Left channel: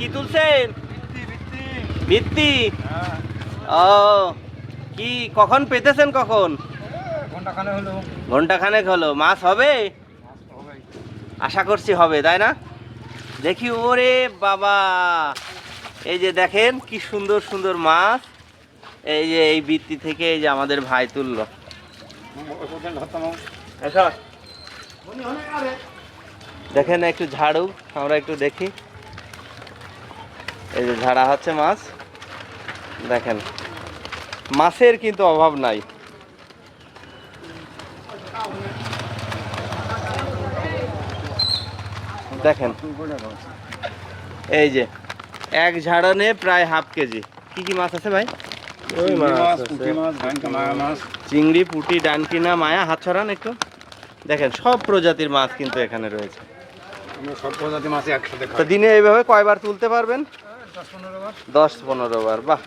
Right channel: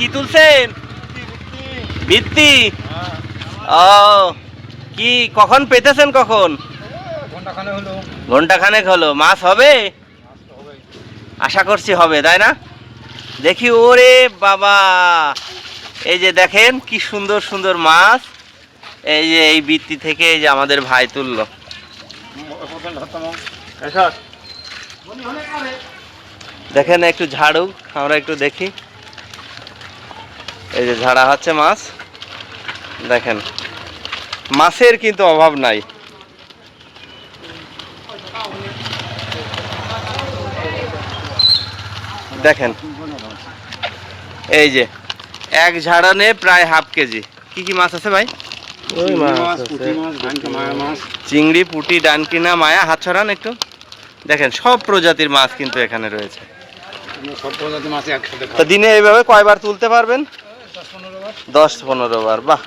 কি তুলছেন? বৃত্তি। ও কি কখন পেতেছেন? কখন? ঘন্টাখানেক হলো। মাছ হবে? আশা করছি হবে, তাই না? দেখি। ওরে বাবা, এই যে দেখেন কি সুন্দর সুন্দর মাছ। এই যে এই বৃত্তি থেকে এই যে আমাদের ভাই তুললো। দেখেন একটু ঝাড়ুক, আমরা একটু দেখি। এই যে ঝাড়া হচ্ছে মাছ। দেখেন মাছের কিন্তু অভাব নাই। দেখেন এই যে এক ঝাড়নে প্রায় হাফ কেজি। কি কি মাছ আছে ভাই? চিংড়ি, পুঁটি, ডানকিনা, মায়া। হাত ছড়ান একটু। দেখেন সব প্রজাতির মাছ কিন্তু এখানে রয়েছে। তো দিনে এইভাবে কয়বার তুলতে পারবেন? 10-15 বার। বাহ।